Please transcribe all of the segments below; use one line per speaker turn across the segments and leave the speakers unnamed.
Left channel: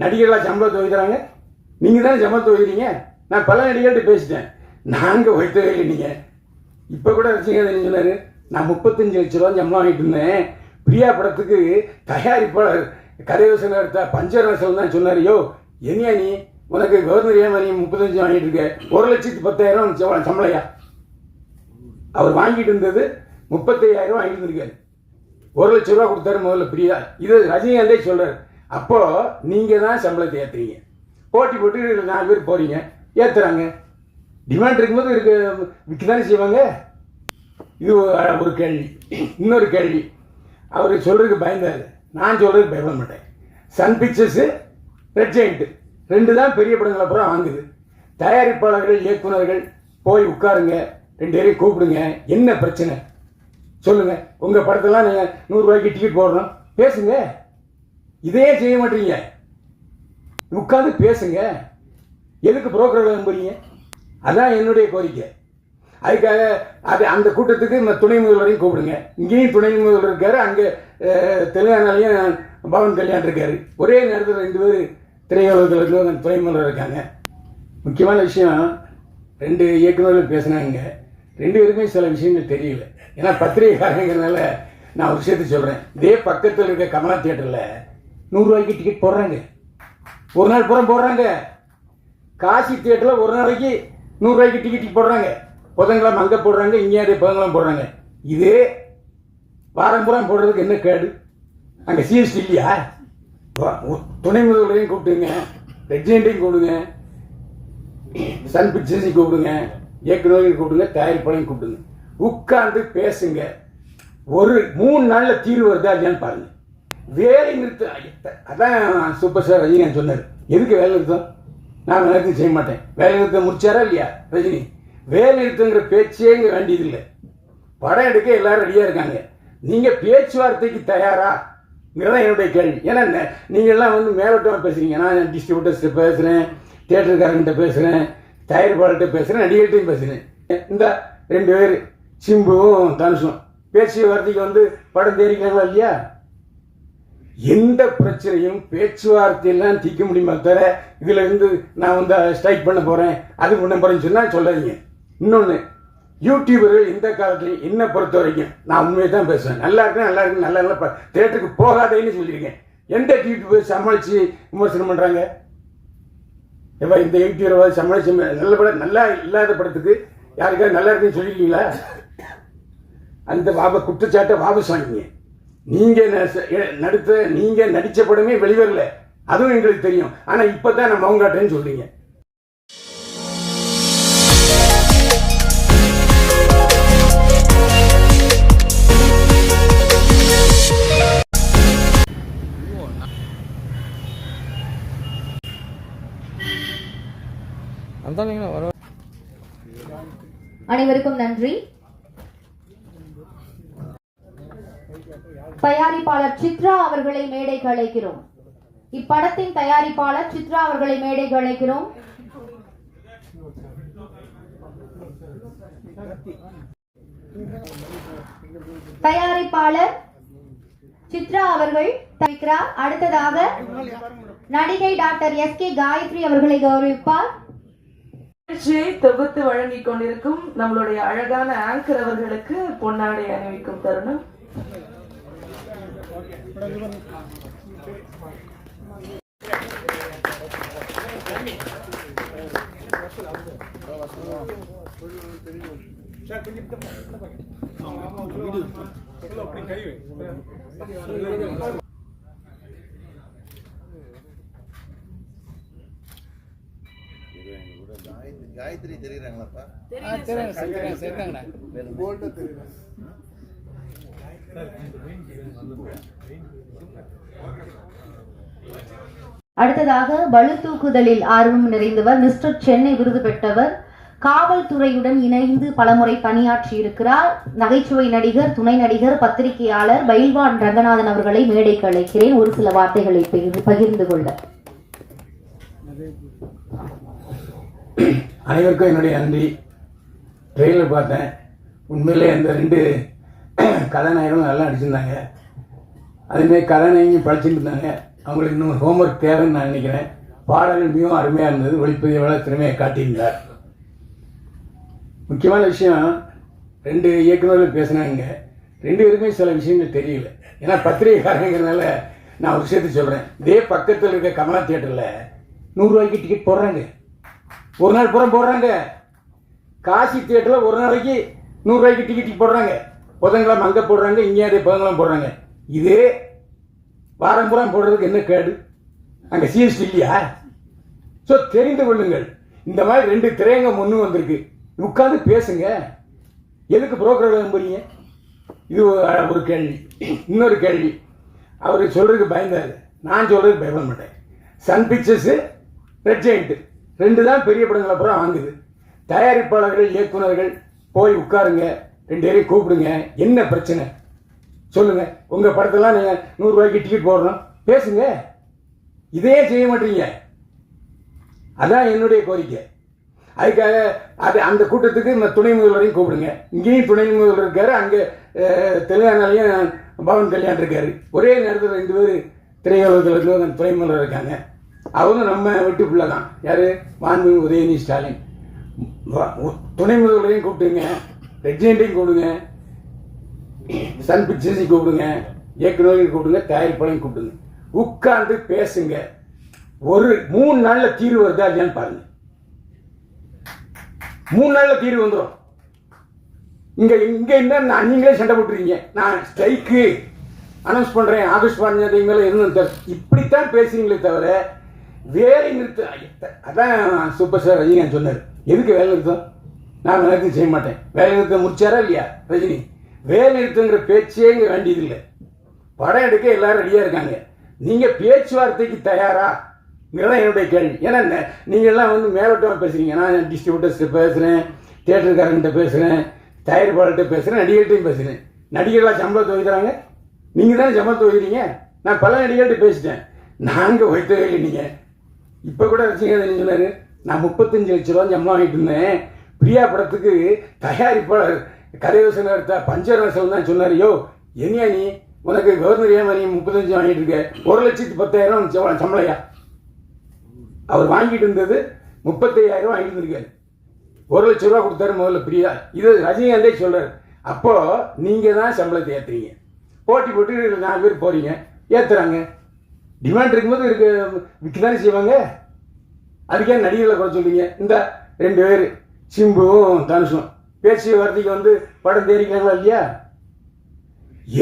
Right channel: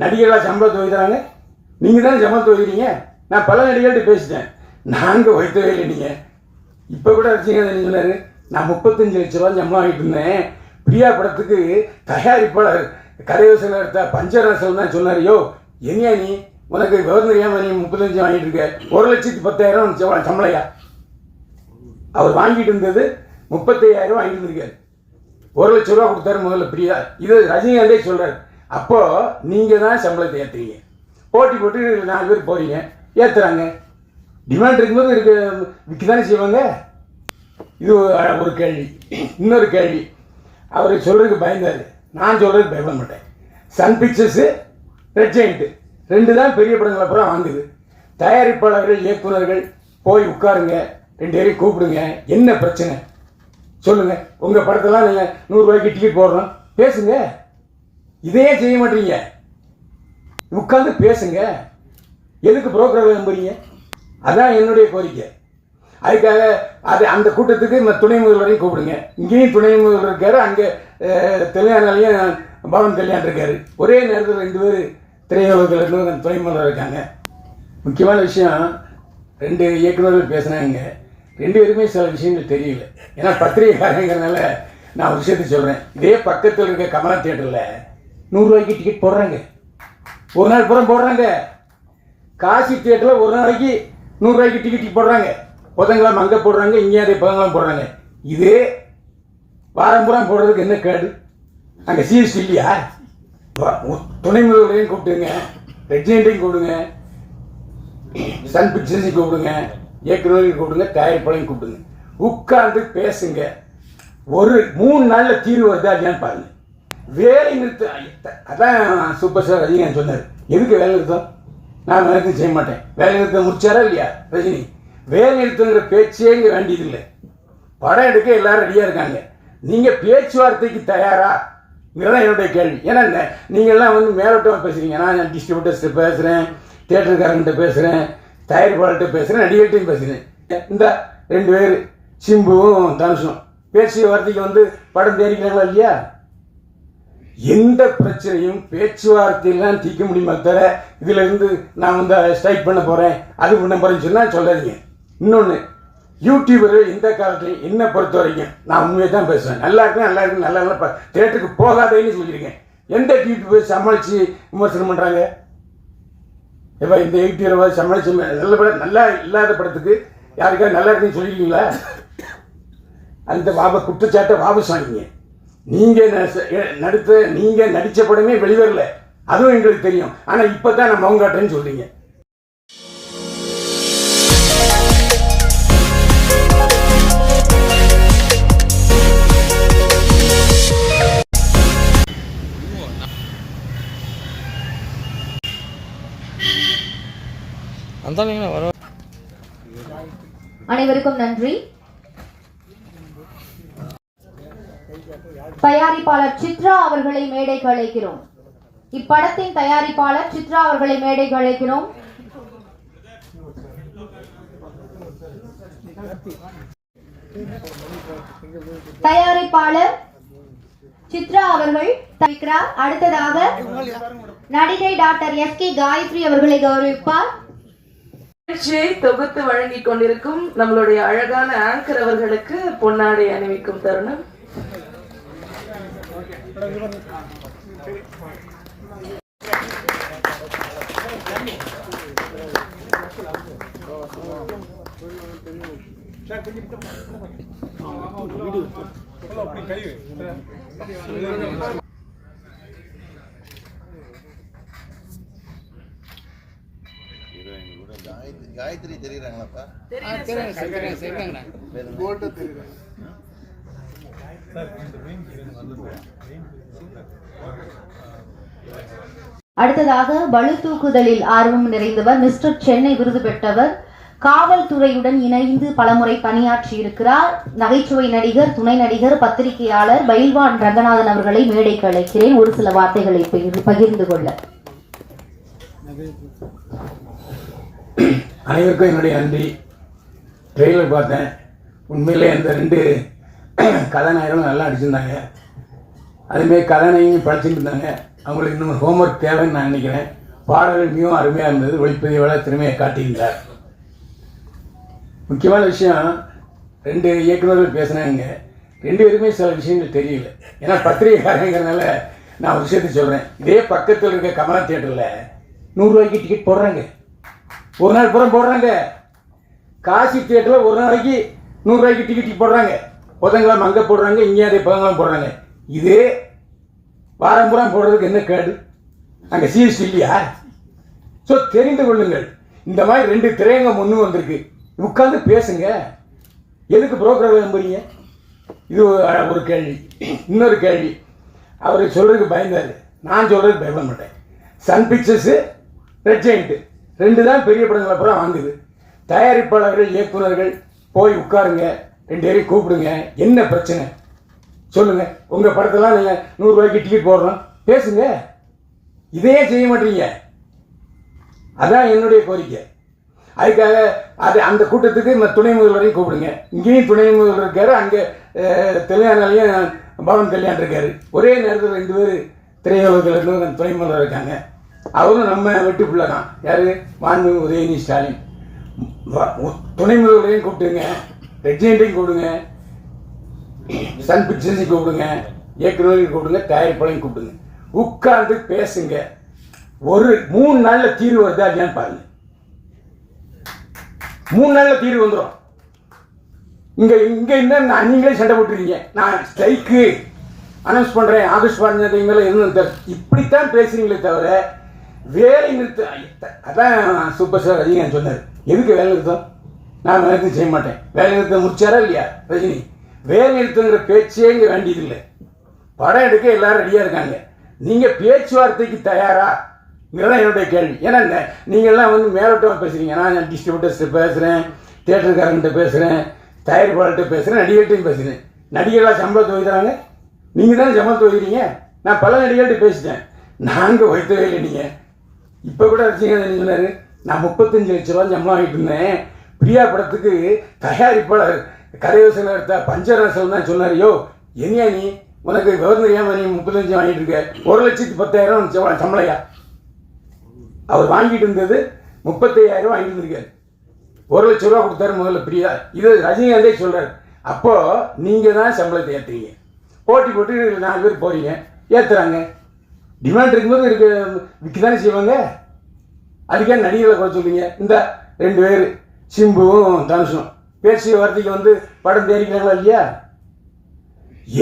நடிகர்களாக சம்பளத்தை வைக்கிறாங்க நீங்கள் தானே சம்பளத்தை வைக்கிறீங்க நான் பல நடிகர்கள்ட்ட பேசிட்டேன். நாங்கள் வைத்தவே இல்லை நீங்கள் இப்போ கூட ரசிகன் சொன்னார் நான் முப்பத்தஞ்சு லட்ச ரூபா சம்பளம் வாங்கிட்டு இருந்தேன். பிரியா படத்துக்கு தயாரிப்பாளர் கரையோசனம் எடுத்த பஞ்சரசன் தான் சொன்னார். யோ எங்கேயா நீ? உனக்கு கவர்னர் ஏமா நீ முப்பத்தஞ்சு வாங்கிட்டு இருக்க. ஒரு லட்சத்து பத்தாயிரம் சம்பளம் சம்பளையா? அவர் வாங்கிட்டு இருந்தது முப்பத்தையாயிரம் வாங்கிட்டு இருந்திருக்காரு. ஒரு லட்ச ரூபா கொடுத்தாரு முதல்ல பிரியா. இது ரஜினிகாந்தே சொல்கிறார் அப்போ நீங்க தான் சம்பளத்தை ஏற்றுறீங்க போட்டி போட்டு நாலு பேர் போறீங்க. ஏற்றுறாங்க டிமாண்ட் இருக்கும்போது இருக்கு விற்க தானே செய்வாங்க? இது ஒரு- ஒரு கேள்வி. இன்னொரு கேள்வி. அவர் சொல்கிறதுக்கு பயந்தாரு நான் சொல்கிறதுக்கு பயப்பட மாட்டேன். சன் பிக்சர்ஸு ரெட் ஜெயிண்ட்டு ரெண்டு தான் பெரிய படங்களை அப்புறம் வாங்குது. தயாரிப்பாளர்கள் இயக்குனர்கள் போய் உட்காருங்க. ரெண்டு பேரையும் கூப்பிடுங்க. என்ன பிரச்சனை? சொல்லுங்கள் உங்கள் படத்தெல்லாம் நீங்கள் நூறுரூவாய்க்கு டிக்கெட் போடுறோம். பேசுங்க. இதையே செய்ய மாட்டீங்க. உட்காந்து பேசுங்க. எதுக்கு புரோக்கரை நம்புறீங்க? அதான் என்னுடைய கோரிக்கை. அதுக்காக அது அந்த கூட்டத்துக்கு இந்த துணை முதல்வரையும் கூப்பிடுங்க. இங்கேயும் துணை முதல்வர் இருக்காரு அங்கே தெலுங்கானாலையும் பவன் கல்யாண் இருக்காரு. ஒரே நேரத்தில் ரெண்டு பேர் திரையுலகத்தில் இருந்து துணை முதல்வர் இருக்காங்க. முக்கியமான விஷயம் ரெண்டு இயக்குநர்கள் பேசுனாங்க. ரெண்டு பேருமே சில விஷயங்கள் தெரியல. ஏன்னா பத்திரிகைக்காரங்கிறனால நான் ஒரு விஷயத்த சொல்கிறேன் இதே பக்கத்தில் இருக்க கமலா தியேட்டரில் நூறுரூவாய்க்கு டிக்கெட் போடுறாங்க. ஒரு நாள் புறம் போடுறாங்க. காசி தியேட்டரில் ஒரு நாளைக்கு நூறுரூவாய்க்கு டிக்கெட் போடுறாங்க. புதன்கிழமை அங்கே போடுறாங்க இங்கே அதே புதன்கிழமை போடுறாங்க. இது வாரம் புறம் போடுறதுக்கு என்ன கேடு? அங்கே சிஎஸ்டி இல்லையா? துணை முதல்வரையும் கூப்பிட்டுங்க ரெஜினேட்டையும் கூப்பிடுங்க. சன் பிக்சர்ஸையும் கூப்பிடுங்க. இயக்குநரையும் கூப்பிடுங்க. தயாரிப்பாளையும் கூப்பிடுங்க. உட்கார்ந்து பேசுங்க. ஒரு மூணு நாளில் தீர்வு வருதா இல்லையான்னு பாருங்கள் வேலை நிறுத்த அதான் சூப்பர் ஸ்டார் ரஜினிகாந்த் சொன்னார். எதுக்கு வேலை நிறுத்தம் நான் வேலை நிறுத்தம் செய்ய மாட்டேன். வேலை நிறுத்தம் முடிச்சாரா இல்லையா ரஜினி? வேலை நிறுத்தங்கிற பேச்சே இங்கே வேண்டியதில்லை படம் எடுக்க எல்லாரும் ரெடியாக இருக்காங்க. நீங்கள் பேச்சுவார்த்தைக்கு தயாரா தான் என்னுடைய கேள்வி. ஏன்னா நீங்கள்லாம் வந்து மேலோட்டமாக பேசுகிறீங்க நான் டிஸ்ட்ரிபியூட்டர்ஸ்ட்டு பேசுகிறேன் தேட்டருக்காரங்கிட்ட பேசுகிறேன் தயாரிப்பாளர்கிட்ட பேசுகிறேன் நடிகர்கிட்டையும் பேசுகிறேன் இந்த ரெண்டு பேர் சிம்புவும் தனுஷும் பேச்சு வார்த்தைக்கு வந்து படம் தேடிக்கிறாங்களா இல்லையா? எந்த பிரச்சனையும் பேச்சுவார்த்தையெல்லாம் தீர்க்க முடியுமா தவிர இதுல இருந்து நான் வந்து ஸ்ட்ரைக் பண்ண போறேன் அது பண்ண போறேன்னு சொன்னா சொல்லாதீங்க. இன்னொன்று யூடியூபர்கள் இந்த காலத்துலையும் என்ன பொறுத்த வரைக்கும் நான் உண்மையை தான் பேசுவேன். நல்லா இருக்கு நல்லா இருக்கு நல்லா நல்லா தேட்டருக்கு போகாதேன்னு சொல்லியிருக்கேன் எந்த யூடியூபர் சமாளித்து விமர்சனம் பண்ணுறாங்க எப்போ இந்த யூடியூபர் சமாளிச்சு நல்ல படம் நல்லா இல்லாத படத்துக்கு யாருக்காவது நல்லா இருக்குன்னு சொல்லியிருக்கீங்களா அந்த வாப குற்றச்சாட்டை வாபஸ் வாங்கிங்க. நீங்க ந- எ- நடித்த நீங்க நடிச்ச படமே வெளிவரல. அதுவும் எங்களுக்கு தெரியும். ஆனா இப்பதான் நம்ம அவங்கட்டேன்னு சொல்றீங்க.
அந்த வர அனைவருக்கும் நன்றி. தயாரிப்பாளர் சித்ரா அவர்களை மேடை அழைக்கிறோம். இப்படத்தின் தயாரிப்பாளர் சித்ரா அவர்களை மேடை அழைக்கிறோம். தயாரிப்பாளர் சித்ரா அவர்கள் தவிக்கிறார் அடுத்ததாக நடிகை டாக்டர் எஸ் கே காயத்ரி அவர்களை கௌரவிப்பார்.
நிகழ்ச்சியை தொகுத்து வழங்கிக் கொண்டிருக்கும் நம்மளுடைய அழகான ஆங்கர் அவர்களுக்கு பொன்னாடை அணிவிக்கும் தருணம்.
ஹீரோயின் கூட காயத்ரி காயத்ரி தெரியுறாங்களாப்பா அடுத்ததாக பளு தூக்குதலில் ஆர்வம் நிறைந்தவர் மிஸ்டர் சென்னை விருது பெற்றவர் காவல்துறையுடன் இணைந்து பலமுறை பணியாற்றி இருக்கிறார் நகைச்சுவை நடிகர் துணை நடிகர் பத்திரிகையாளர் பயில்வான் ரங்கநாதன் அவர்களை மேடைக்கு அழைக்கிறேன். ஒரு சில வார்த்தைகளை பகிர்- பகிர்ந்து கொள்ள.
அனைவருக்கும் என்னுடைய நன்றி. ட்ரெயிலர் பார்த்தேன். உண்மையிலே அந்த ரெண்டு கதாநாயகம் நல்லா நடிச்சிருந்தாங்க. அதுமாரி கதாநாயகம் படிச்சுட்டு இருந்தாங்க. அவங்களுக்கு இன்னும் ஹோம்ஒர்க் தேவைன்னு நான் நினைக்கிறேன். பாடல்கள் மிகவும் அருமையாக இருந்தது. ஒளிப்பதிவாளர் திறமையை காட்டியிருந்தார். முக்கியமான விஷயம் ரெண்டு இயக்குநர்கள் பேசினாங்க ரெண்டு பேருமே சில விஷயங்கள் தெரியல. ஏன்னா பத்திரிகைக்காரங்கிறதுனால நான் ஒரு விஷயத்தை சொல்கிறேன் இதே பக்கத்தில் இருக்க கமலா தியேட்டரில் நூறுரூவாய்க்கு டிக்கெட் போடுறாங்க. ஒரு நாள் பூரா போடுறாங்க. காசி தியேட்டரில் ஒரு நாளைக்கு நூறுரூவாய்க்கு டிக்கெட் போடுறாங்க. புதன்கிழமை அங்கே போடுறாங்க இங்கே அதே புதன்கிழமை போடுறாங்க. இதே வாரம் போடுறதுக்கு என்ன கேடு? அங்கே சிஎஸ்டி இல்லையா? ஸோ தெரிந்து கொள்ளுங்கள். இந்த மாதிரி ரெண்டு திரையங்க ஒன்று வந்திருக்கு. உட்காந்து பேசுங்க. எதுக்கு புரோக்கர் நம்புறீங்க இது ஒரு- கேள்வி. இன்னொரு கேள்வி. அவர் சொல்கிறதுக்கு பயந்தார் நான் சொல்கிறதுக்கு பயப்பட மாட்டேன். சன் பிக்சர்ஸு ரெட் ஜெயிண்ட்டு ரெண்டு தான் பெரிய படங்களை பூரா வாங்குது. தயாரிப்பாளர்கள் இயக்குனர்கள் போய் உட்காருங்க. ரெண்டு பேரையும் கூப்பிடுங்க. என்ன பிரச்சனை? சொல்லுங்க. உங்கள் படத்தெல்லாம் நீங்கள் நூறுரூவாய்க்கு டிக்கெட் போடுறோம் பேசுங்க. இதையே செய்ய மாட்டீங்க. அதான் என்னுடைய கோரிக்கை. அதுக்காக அது அந்த கூட்டத்துக்கு இந்த துணை முதல்வரையும் கூப்பிடுங்க. இங்கேயும் துணை முதல்வர் இருக்காரு அங்கே தெலுங்கானாலையும் பவன் கல்யாண் இருக்காரு. ஒரே நேரத்தில் ரெண்டு பேர் திரையுலகத்தில் இருந்து துணை முதல்வர் இருக்காங்க. அவரும் நம்ம வெட்டு பிள்ளை தான் யார்? மாண்பு உதயநிதி ஸ்டாலின். துணை முதல்வரையும் கூப்பிட்டுங்க ரெஜெண்டையும் கூப்பிடுங்க சன் பிக்சர்ஸையும் கூப்பிடுங்க இயக்குநரையும் கூப்பிடுங்க தயாரிப்பாளையும் கூப்பிடுங்க உட்கார்ந்து பேசுங்க. ஒரு மூணு நாளில் தீர்வு வருதா இல்லையான்னு பாருங்க. மூணு நாளில் தீர்வு வந்துடும் இங்கே இங்கே என்ன நீங்களே சண்டை போட்டுருக்கீங்க. நான் ஸ்ட்ரைக்கு அனௌன்ஸ் பண்ணுறேன் ஆகஸ்ட் பதினஞ்சு மேல இருந்து இப்படித்தான் பேசுறீங்களே தவிர வேலை நிறுத்த அதான் சூப்பர் ஸ்டார் ரஜினிகாந்த் சொன்னார். எதுக்கு வேலை நிறுத்தம்? நான் வேலை நிறுத்தம் செய்ய மாட்டேன். வேலை நிறுத்தம் முடிச்சாரா இல்லையா? ரஜினி வேலை நிறுத்தங்கிற பேச்சே இங்கே வேண்டியதில்லை. படம் எடுக்க எல்லாரும் ரெடியாக இருக்காங்க. நீங்கள் பேச்சுவார்த்தைக்கு தயாரா? இதுதான் என்னுடைய கேள்வி. ஏன்னா நீங்கள்லாம் எல்லாம் வந்து மேலோட்டமாக பேசுகிறீங்க நான் டிஸ்ட்ரிபியூட்டர்ஸ்ட்டு பேசுகிறேன் தியேட்டருக்காரங்கிட்ட பேசுகிறேன் தயாரிப்பாளர்கிட்ட பேசுகிறேன் நடிகர்கிட்டையும் பேசுகிறேன் நடிகர்களாக சம்பளத்தை வைக்கிறாங்க நீங்கள் தானே சம்பளத்தை வைக்கிறீங்க நான் பல நடிகர்கிட்ட பேசிட்டேன். நாங்கள் வைத்தவே இல்லை நீங்கள் இப்போ கூட ரசிகன் சொன்னாரு நான் முப்பத்தஞ்சு லட்ச ரூபா சம்பளம் வாங்கிட்டு இருந்தேன். பிரியா படத்துக்கு தயாரிப்பாளர் கதையோசனை எடுத்த பஞ்சரசன் தான் சொன்னாரியோ என்னையா நீ? உனக்கு கவர்னர் ஏன் நீ முப்பத்தஞ்சு வாங்கிட்டு இருக்க. ஒரு லட்சத்து பத்தாயிரம் சம்பளையா? அவர் வாங்கிட்டு இருந்தது முப்பத்தையாயிரம் வாங்கிட்டு இருந்திருக்காரு. ஒரு லட்ச ரூபா கொடுத்தாரு முதல்ல பிரியா. இது ரஜினிகாந்தே சொல்கிறார் அப்போது நீங்கள் தான் சம்பளத்தை ஏற்றுறீங்க போட்டி போட்டு நாலு பேர் போகிறீங்க ஏற்றுறாங்க டிமாண்ட் இருக்கும்போது இருக்க விற்க தானே செய்வாங்க? அதுக்கே நடிகர்களை குறை சொல்கிறீங்க இந்த ரெண்டு பேர். சிம்புவும் தனுஷும் பேச்சு வார்த்தைக்கு வந்து படம் தேடிக்கிறாங்களா இல்லையா?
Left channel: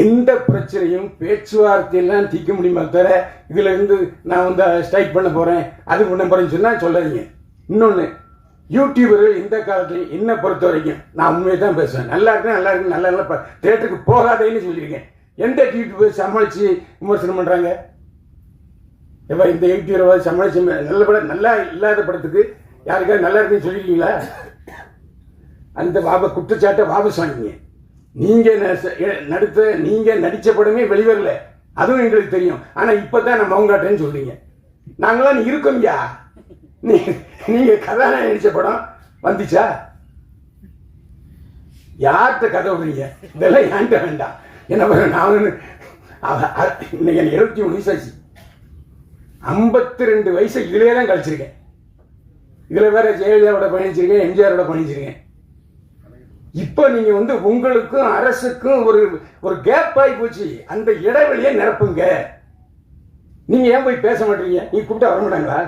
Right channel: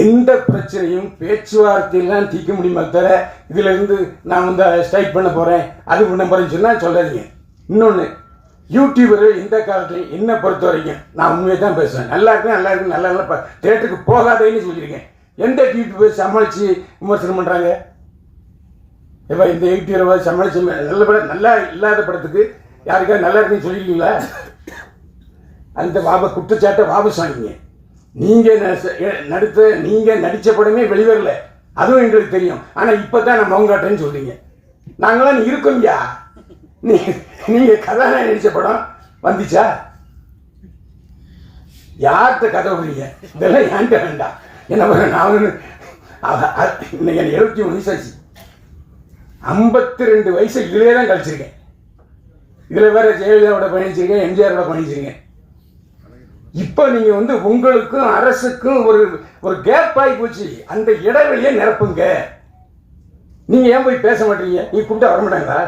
எந்த பிரச்சனையும் பேச்சுவார்த்தையெல்லாம் தீர்க்க முடியுமா தவிர இதுல இருந்து நான் வந்து ஸ்ட்ரைக் பண்ண போறேன் அது பண்ண போறேன்னு சொன்னா சொல்லாதீங்க. இன்னொன்று யூடியூபர்கள் இந்த காலத்துல என்ன பொறுத்த வரைக்கும் நான் உண்மையை தான் பேசுவேன். நல்லா இருக்கு நல்லா இருக்கு நல்லா நல்லா தேட்டருக்கு போகாதேன்னு சொல்லியிருக்கேன் எந்த யூடியூபர் சமாளிச்சு விமர்சனம் பண்றாங்க? இப்போ இந்த யூடியூபர் சமாளிச்சு நல்ல படம் நல்லா இல்லாத படத்துக்கு யாருக்காவது நல்லா இருக்குன்னு சொல்லியிருக்கீங்களா அந்த வாப குற்றச்சாட்டை வாபஸ் நீங்கள் நீங்க நீங்கள் நடித்த படமே வெளிவரல. அதுவும் எங்களுக்கு தெரியும். ஆனால் இப்போ தான் நம்ம மவுங்காட்டேன்னு சொல்கிறீங்க நாங்களாம் இருக்கோம்யா நீ நீங்கள் கதாநாயகன் நடித்த படம் வந்துச்சா? யார்கிட்ட கதை விடுறீங்க இதெல்லாம் ஏன்ட்ட வேண்டாம். என்ன பண்ண நான் இன்னைக்கு எனக்கு எழுபத்தி மூணு வயசாச்சு ஐம்பத்தி ரெண்டு வயசு இதுலேயே தான் கழிச்சிருக்கேன். இதில் வேற ஜெயலலிதாவோட பயணிச்சிருக்கேன் எம்ஜிஆரோட பயணிச்சிருக்கேன் இப்போ நீங்கள் வந்து உங்களுக்கும் அரசுக்கும் ஒரு ஒரு கேப் ஆகி போச்சு. அந்த இடைவெளியை நிரப்புங்க. நீங்கள் ஏன் போய் பேச மாட்டீங்க? நீ கூப்பிட்டா வர மாட்டாங்களா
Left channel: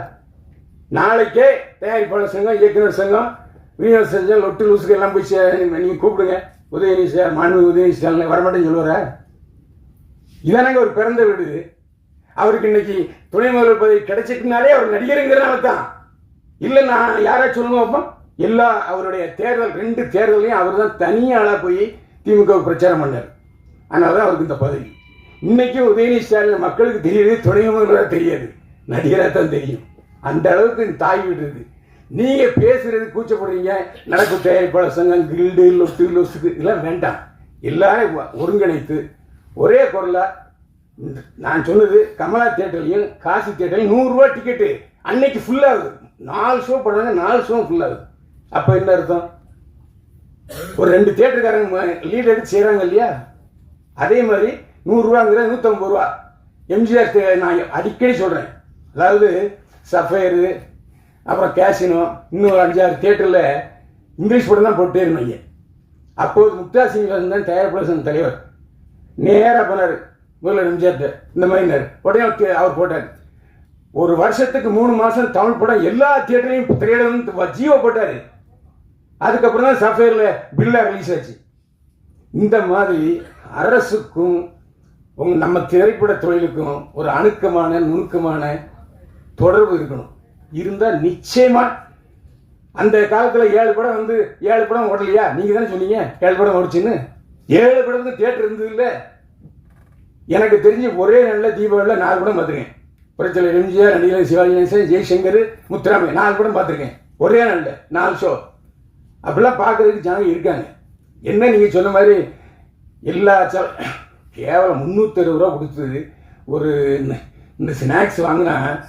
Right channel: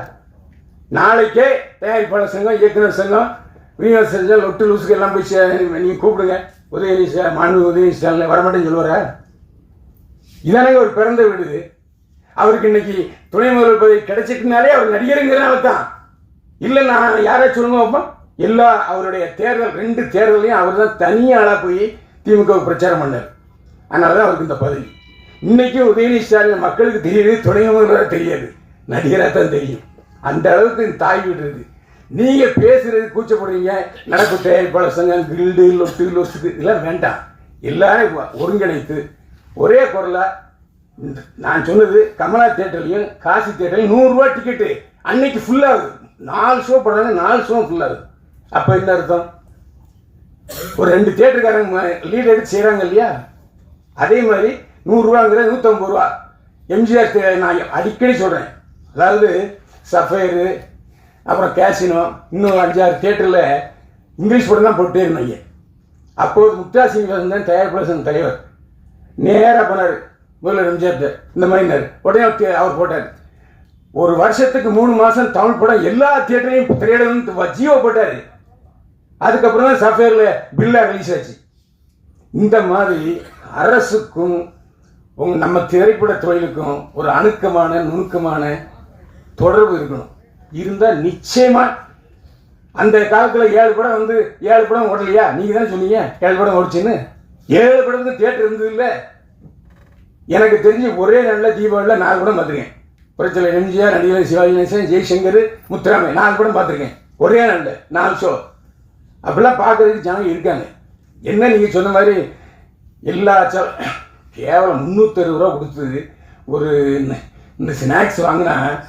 நாளைக்கே தயாரிப்பாளர் சங்கம் இயக்குனர் சங்கம் விநியோக சங்கம் லொட்டு லூசுக்கு எல்லாம் போய் நீங்கள் கூப்பிடுங்க. உதயநிதி சார் மாண்பு உதயநிதி ஸ்டாலின் வரமாட்டேன்னு சொல்லுவாரா? இதானங்க ஒரு பிறந்த வீடு. அவருக்கு இன்னைக்கு துணை முதல்வர் பதவி கிடைச்சிட்டுனாலே அவர் நடிகருங்கிறனால தான் இல்லை நான் யாராச்சும் சொல்லுவோம் அப்போ? எல்லா அவருடைய தேர்தல் ரெண்டு தேர்தலையும் அவர் தான் தனியாளாக போய் திமுக பிரச்சாரம் பண்ணார். அதனால தான் அவருக்கு இந்த பதவி. இன்னைக்கும் உதயநிதி ஸ்டாலின் மக்களுக்கு தெரியுது துணை முதல்வர் தெரியாது. நடிகராக தான் தெரியும். அந்த அளவுக்கு தாய் விடுறது நீங்கள் நீங்க பேசுறது கூச்சப்படுறீங்க. நடப்பு தயாரிப்பாளர் சங்கம் கில்டு லொத்து லொசுக்கு இதெல்லாம் வேண்டாம். எல்லாரும் ஒருங்கிணைத்து ஒரே குரலை நான் சொன்னது கமலா தேட்டர்லையும் காசி தேட்டர்லையும் நூறுரூவா டிக்கெட்டு அன்னைக்கு ஃபுல்லாகுது நாலு ஷோ போடுறாங்க நாலு ஷோ ஃபுல்லாகுது அப்போ என்ன அர்த்தம்? ஒரு ரெண்டு தேட்டருக்காரங்க லீட் எடுத்து செய்கிறாங்க இல்லையா? அதே மாதிரி நூறுரூவாங்கிறது நூற்றம்பது ரூபா. எம்ஜிஆர் நான் அடிக்கடி சொல்கிறேன் அதாவது சஃபயரு அப்புறம் கேசினோ இன்னும் அஞ்சாறு தேட்டரில் இங்கிலீஷ் படம் தான் போட்டே இருந்தாங்க அப்போது முக்தா சீனிவாசன் தான் தயாரிப்பாளர் தலைவர். நேராக போனார் முதல்ல எம்ஜிஆர் இந்த மாதிரினார் உடனே அவர் அவர் போட்டார். ஒரு வருஷத்துக்கு மூணு மாதம் தமிழ் படம் எல்லா தியேட்டரையும் திரையிடணும் ஜியோ போட்டார். அதுக்கப்புறம் தான் சஃபேரில் பில்லா ரிலீஸ் ஆச்சு. இந்த மாதிரி அரசுக்கும் உங் நம்ம திரைப்பட தொழிலுக்கும் ஒரு அணுக்கமான நுணுக்கமான தொடர்பு இருக்கணும். இருந்தால் நிச்சயமாக அந்த காலத்தில் ஏழு படம் வந்து ஏழு படம் ஓடலையா? நீங்கள் தானே சொன்னீங்க ஏழு படம் ஓடிச்சுன்னு? ஏழு படத்துக்கு தேட்டர் இருந்தது இல்லை எனக்கு தெரிஞ்சு ஒரே நாளில் தீபாவளியில் நாலு படம் பார்த்துருக்கேன். புரட்சியில் எம்ஜிஆர் நடிகர் சிவாஜி கணேசன் ஜெய்சங்கர் முத்துராமை நாலு படம் பார்த்துருக்கேன். ஒரே நாளில் நாலு ஷோ அப்படிலாம் பார்க்குறதுக்கு ஜனங்க இருக்காங்க. என்ன நீங்கள் சொன்ன மாதிரி எல்லா கேவலம் முந்நூற்றறுபது ரூபா கொடுத்தது. ஒரு இந்த- ஸ்நாக்ஸ் வாங்கினா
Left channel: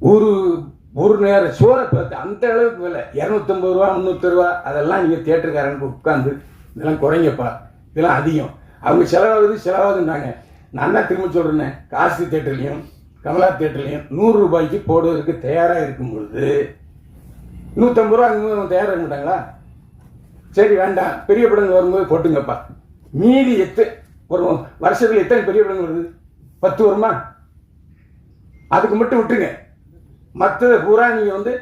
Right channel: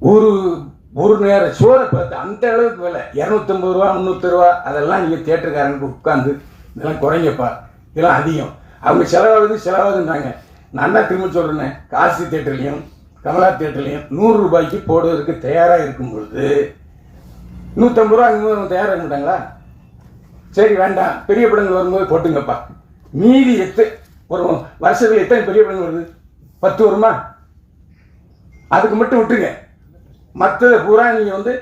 ஒரு ஒரு நேரம் சோறை பார்த்து அந்த அளவுக்கு விலை. இரநூத்தம்பது ரூபா முந்நூற்றி ரூபா அதெல்லாம் நீங்கள் தேட்டருக்காரங்க உட்காந்து இதெல்லாம் குறைங்கப்பா. இதெல்லாம் அதிகம். அவங்க செலவாகுது செலவாகுதுன்றாங்க. நான் தான் திரும்ப சொல்கிறேன்னே காசி தேட்டர்லேயும் கமலா தேட்டர்லேயும் நூறுரூபாய்க்கு போடுவதற்கு தயாராக இருக்கும் பொழுது நூற்றம்பது ரூபா அங்கே தயாராக இருந்துட்டாங்களா சரி வேண்டாம். பெரிய படங்கள் வரும்போது போட்டுங்கப்பா. மீதி எத்து ஒரு வருஷத்தில் எத்தனை பெரிய படங்கள் வருது? பத்து வருமா? அதுக்கு மட்டும் விட்டுருங்க. மற்ற பூரா நீங்கள் வந்து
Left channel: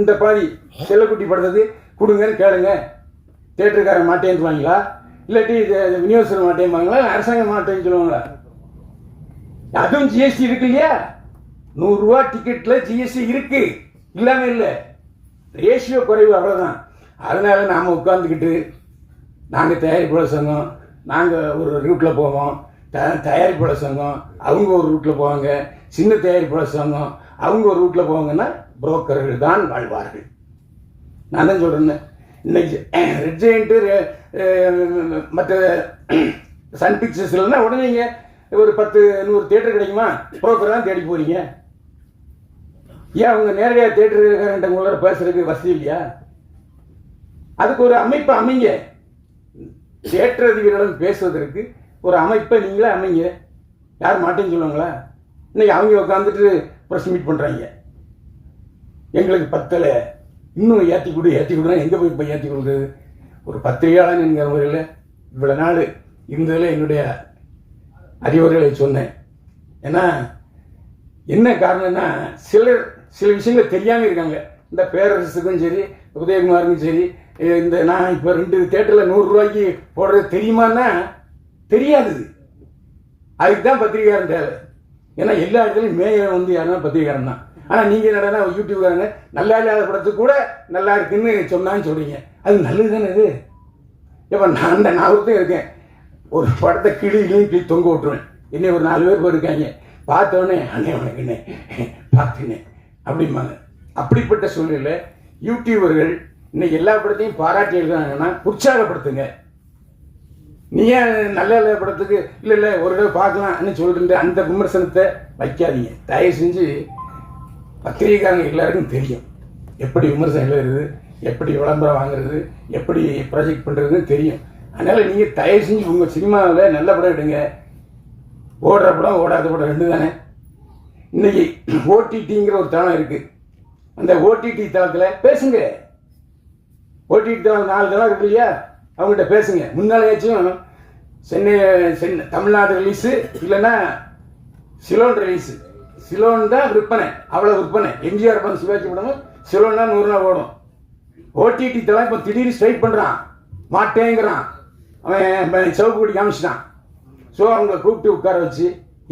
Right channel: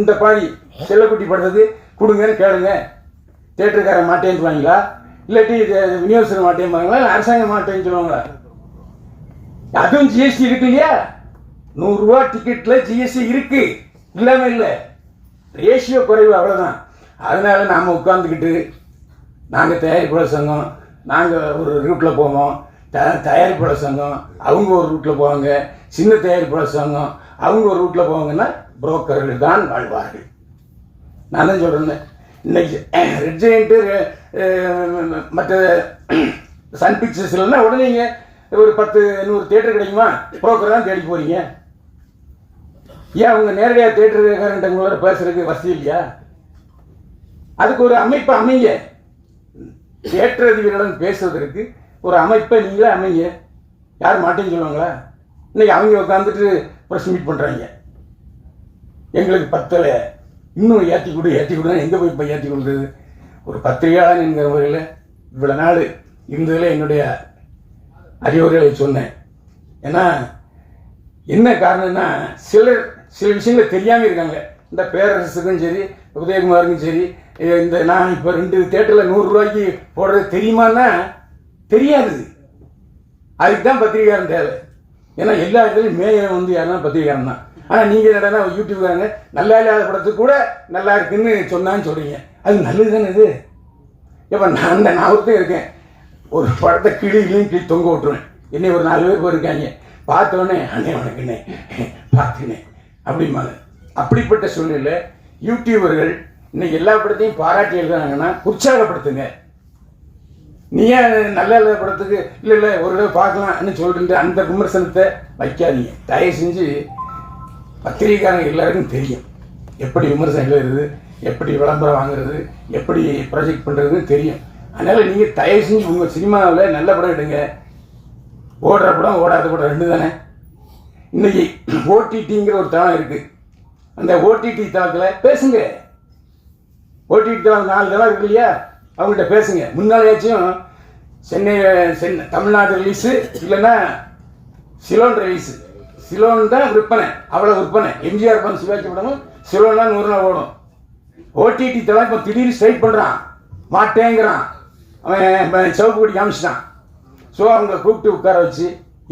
இந்த பாதி செல்லக்குட்டி படுறது கொடுங்கன்னு கேளுங்க. தேட்டருக்காரன் மாட்டேன்னு சொல்லுவாங்களா? இல்லாட்டி இது விநியோகஸ்தர் மாட்டேன்பாங்களா இல்லை அரசாங்கம் மாட்டேன்னு சொல்லுவாங்களா? அதுவும் ஜிஎஸ்டி இருக்கு இல்லையா? நூறுரூவா டிக்கெட்டில் ஜிஎஸ்டி இருக்கு. இல்லாமல் இல்லை. ரேஷியோ குறைவு அவ்வளோதான் அதனால் நாம் உட்காந்துக்கிட்டு நாங்கள் தயாரிப்பாளர் சங்கம் நாங்கள் ஒரு ரூட்டில் போவோம். த தயாரிப்பாளர் சங்கம் அவங்க ஒரு ரூட்டில் போவாங்க. சின்ன தயாரிப்பாளர் சங்கம் அவங்க ஒரு ரூட்டில் போவாங்கன்னா புரோக்கர்கள் தான் வாழ்வார்கள். நான் தான் சொல்கிறேன் இன்னைக்கு ரெட் ஜெயிண்ட்டு மற்ற சன் பிக்சர்ஸ் இல்லைன்னா உடனே ஒரு பத்து நூறு தேட்டர் கிடைக்குமா? புரோக்கர் தான் தேடி போகிறீங்க ஏன் அவங்க நேரடியாக தேட்டருக்காரன்ட்ட உங்களோட பேசுறதுக்கு வசதி இல்லையா? அதுக்கு ஒரு அமைப்பு அமைங்க. தேட்டர் அதிபர்களுடன் பேசுவதற்கு ஒரு அமைப்பை நீங்களே அமைங்க. யார் மாட்டேன்னு சொல்லுவாங்களா? இன்னைக்கு அவங்க உட்காந்துட்டு ப்ரெஸ் மீட் பண்ணுறாங்க எங்களுக்கு பத்தலை. இன்னும் ஏற்றி கொடு ஏற்றி கொடுனா எங்கே போய் இப்போ ஏற்றி கொடுக்குறது? ஒரு பத்திரிகையாளன் என்கிற முறையில் இவ்வளோ நாள் இருந்ததில் என்னுடைய அறிவுரைகளை சொன்னேன். ஏன்னா என்ன காரணம்னா சிலர் சில விஷயங்கள் தெரியாமல் இருக்காங்க. இந்த பேரரசுக்கும் சரி உதயகுமாருக்கும் சரி இந்த நான் இப்போ ரெண்டு தேட்டரில் நூறுரூவாய்க்கு போடுறது தெரியுமான்னா தெரியாது அதுக்கு தான் பத்திரிகாரம் தேவை. ஏன்னா எல்லா இடத்துலையும் மேயம் வந்து யாருன்னா பத்திரிகாரம் தான். ஆனால் நீங்கள் என்னடா யூடியூப்காரங்க நல்லா இல்லாத படத்துக்கு கூட நல்லா இருக்குன்னு சொன்னான்னு சொல்கிறீங்க அது நல்லது தானே இது? இப்போ நான் அந்த நான் இருக்கேன். ஒரு படத்தை கிளியிலையும் கீழ் தொங்க விட்டுருவேன். என்னை ஒரு நாலு பேருக்கு இருக்காங்க பார்த்தோன்னே அண்ணே உனக்குண்ணே பார்த்துனே அப்படிம்பாங்க அப்படிப்பட்ட சூழ்நிலை யூடியூபர்கள் இன்னைக்கு எல்லா படத்தையும் பாராட்டி எழுதுனாங்கன்னா உற்சாகப்படுத்துங்க. நீ ஏன் நல்ல நல்ல படத்துக்கு இல்லை இல்லை ஒரு தடவை பார்க்கலாம்னு சொல்லிட்டு அந்த விமர்சனத்தை வைக்காதீங்க. தயவு செஞ்சு பத்திரிகைக்காரங்க எல்லாருக்கும் தெரியும். எப்படி விமர்சனம் எழுதுறது எப்படி விளம்பரம் வாங்குறது எப்படி ப்ராஜெக்ட் பண்ணுறதுன்னு தெரியும். அதனால் நீங்கள் தயவு செஞ்சு உங்கள் சினிமாவில் நல்ல படம் எடுங்க. ஓடுற படம் ஓடாத படம் ரெண்டு தானே. இன்னைக்கு ஓடிடிங்கிற ஒரு தளம் இருக்குது அந்த ஓடிடி தளத்தில் பேசுங்க. ஓடிடி தளம் நாலு தளம் இருக்கு இல்லையா? அவங்கள்ட்ட பேசுங்க. முன்னாலேயாச்சும் சென்னை சென்னை தமிழ்நாடு ரிலீஸு இல்லைன்னா சிலோன் ரிலீஸு சிலோன் தான் விற்பனை. அவ்வளோ விற்பனை. எம்ஜிஆர் படம் சிவாஜி படமும் சிலோன் தான் நூறு நாள் ஓடும். ஓடிடி தளம் இப்போ திடீர்னு ஸ்ட்ரைக் பண்ணுறான் மாட்டேங்கிறான். அவன் சிவப்பு பிடி காமிச்சிட்டான். ஸோ அவங்க கூப்பிட்டு உட்கார வச்சு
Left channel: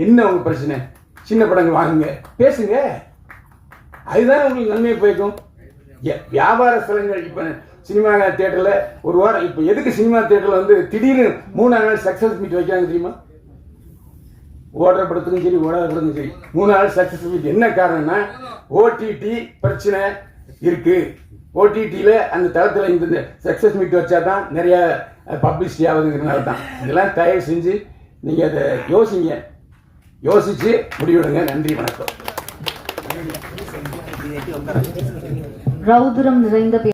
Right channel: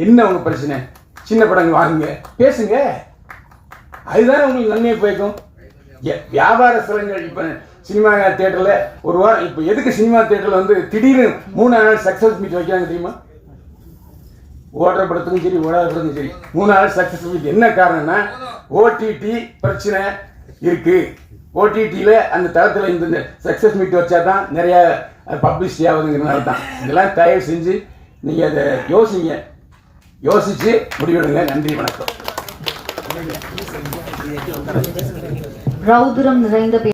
என்ன அவங்க பிரச்சனை? சின்ன படங்கள் வாங்குங்க. பேசுங்க. அதுதான் உங்களுக்கு நன்மையை போய்க்கும். ஏ- வியாபார ஸ்தலங்கள் இப்போ சினிமா தேட்டரில் ஒரு வாரம் இப்போ எதுக்கு சினிமா தேட்டரில் வந்து திடீர்னு மூணு நாள் சக்ஸஸ் மீட் வைக்கிறாங்க தெரியுமா? ஓடுற படத்துக்கும் சரி ஓடாத படத்துக்கும் சரி மூணு நாள் சக்ஸஸ் மீட் என்ன காரணம்னா ஓடிடி பிரச்சனை இருக்குது ஓடிடியில் அந்த தளத்தில் இந்த சக்ஸஸ் மீட் வச்சா தான் நிறையா பப்ளிசிட்டி ஆகுதுங்கிறனால தான் இதெல்லாம் தயவு செஞ்சு நீங்கள் அதை யோசிங்க. யோசிச்சு முடிவெடுங்க. நன்றி வணக்கம். ரௌதுரம் நிறைந்த